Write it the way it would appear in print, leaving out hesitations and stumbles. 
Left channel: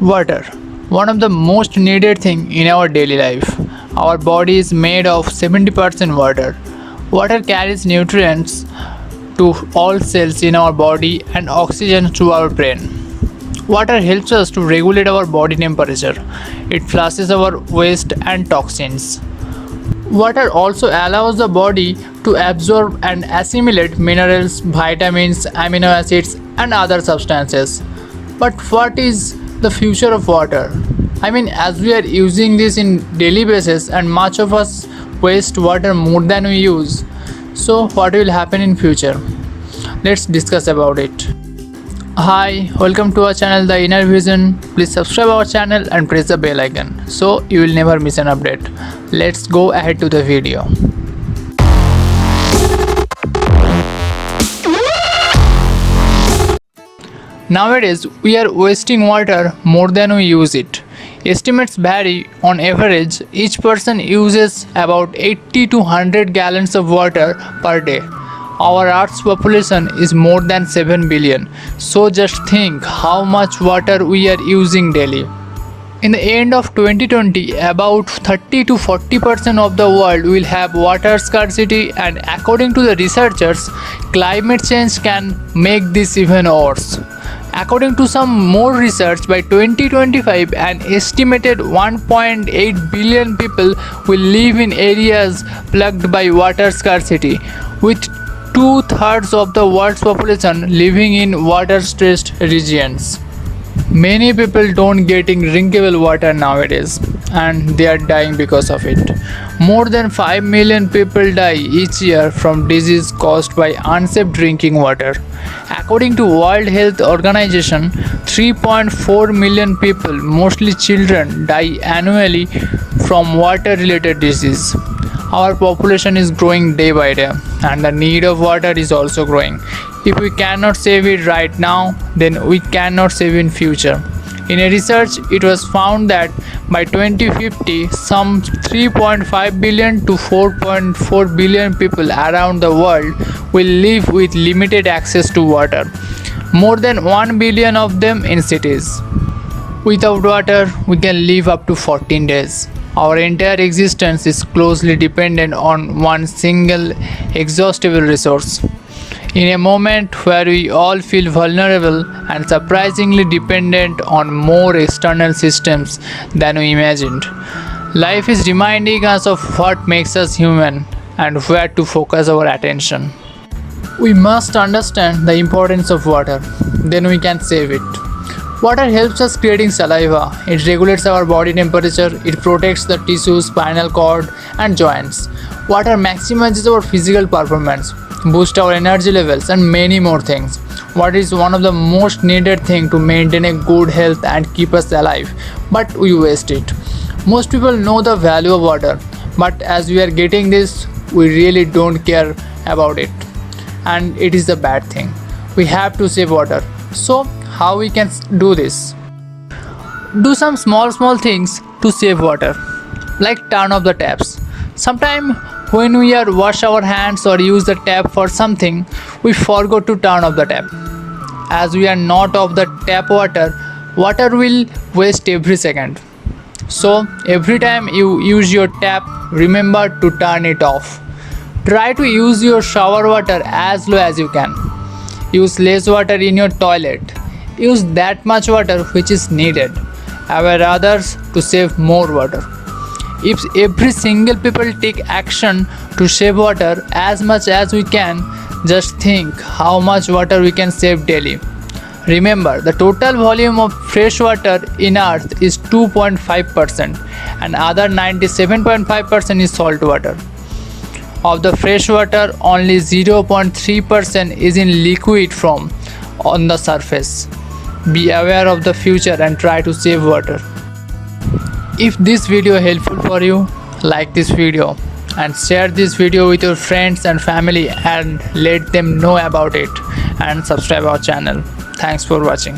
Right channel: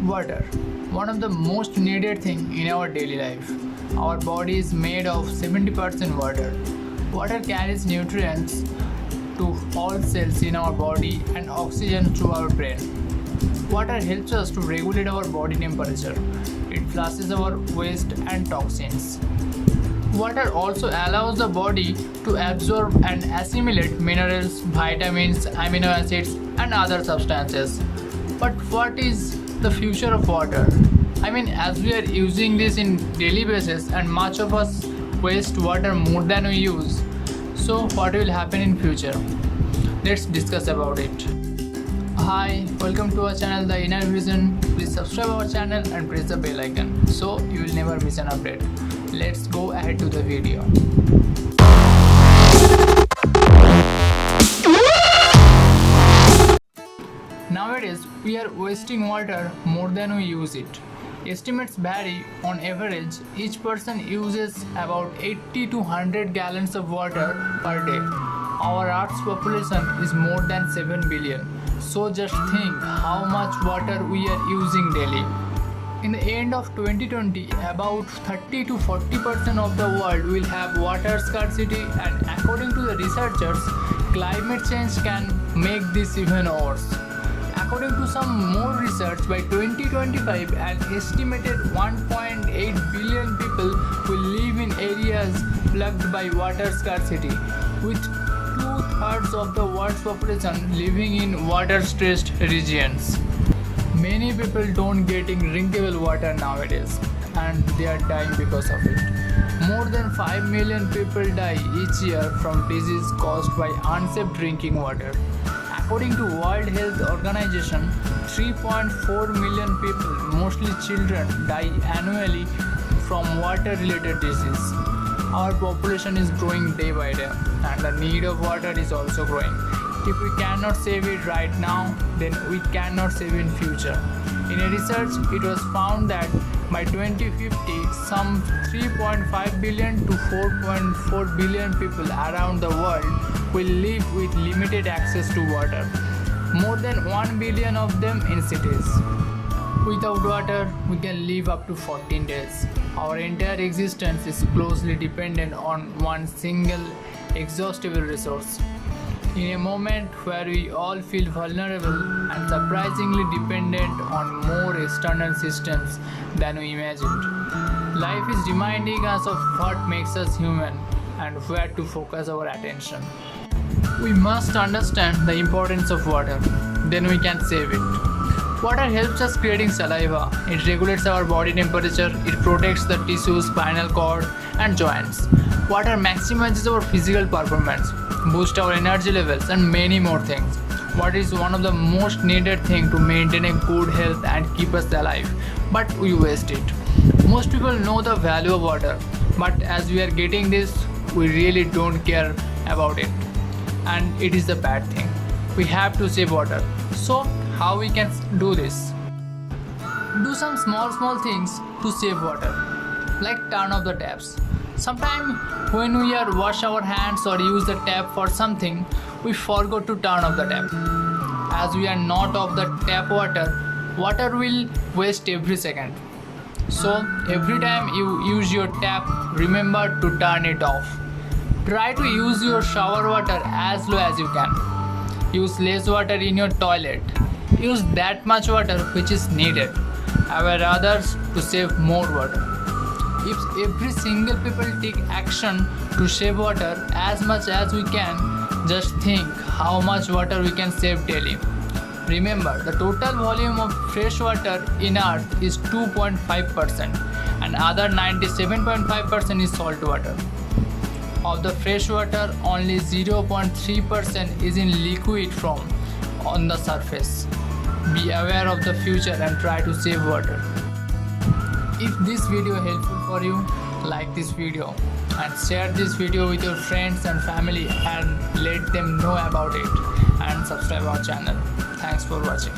Water, one of the most needed thing in our daily life. Our body is made of 70% water. Water carries nutrients to all cells in our body and oxygen to our brain. Water helps us to regulate our body temperature. It flushes our waste and toxins. Water also allows the body to absorb and assimilate minerals, vitamins, amino acids, and other substances. But what is the future of water? I mean, as we are using this in daily basis and much of us waste water more than we use. So what will happen in future? Let's discuss about it. Hi, welcome to our channel The Inner Vision. Please subscribe our channel and press the bell icon so you will never miss an update. Let's go ahead to the video. Nowadays, we are wasting water more than we use it. Estimates vary. On average, each person uses about 80 to 100 gallons of water per day. Our Earth's population is more than 7 billion. So just think how much water we are using daily. In the end of 2020, about 30 to 40% of the world will have water scarcity, and according to the researchers, climate change can make this even worse. According to some more research, by 2025, an estimated 1.8 billion people will live in areas plagued by water scarcity, with two-thirds of the world's population living in water-stressed regions. Many people don't getting drinkable water nowadays, and they are dying because of it. More than 5 million people die each year from disease caused by unsafe drinking water. According to World Health Organization, 3.4 million people, mostly children, die annually from water-related disease. Our population is growing day by day, and the need of water is also growing. If we cannot save it right now, then we cannot save in future. In a research, it was found that by 2050, some 3.5 billion to 4.4 billion people around the world will live with limited access to water. More than 1 billion of them in cities. Without water, we can live up to 14 days. Our entire existence is closely dependent on one single exhaustible resource. In a moment where we all feel vulnerable and surprisingly dependent on more external systems than we imagined, life is reminding us of what makes us human and where to focus our attention. We must understand the importance of water, then we can save it. Water helps us creating saliva. It regulates our body temperature. It protects the tissues, spinal cord, and joints. Water maximizes our physical performance, boosts our energy levels, and many more things. Water is one of the most needed things to maintain a good health and keep us alive, but we waste it. Most people know the value of water, but as we are getting this, we really don't care about it, and it is a bad thing. We have to save water. So how we can do this? Do some small things to save water, like turn off the taps. Sometimes when we are wash our hands or use the tap for something, we forgot to turn off the tap. As we are not off the tap, water will waste every second. So every time you use your tap, remember to turn it off. Try to use your shower water as low as you can. Use less water in your toilet. Use that much water which is needed. Aware others to save more water. If every single people take action to save water as much as we can, just think how much water we can save daily. Remember, the total volume of fresh water in earth is 2.5%, and other 97.5% is salt water. Of the fresh water, only 0.3% is in liquid form on the surface. Be aware of the future and try to save water. If this video helpful for you, like this video and share this video with your friends and family and let them know about it, and subscribe our channel. Thanks for watching.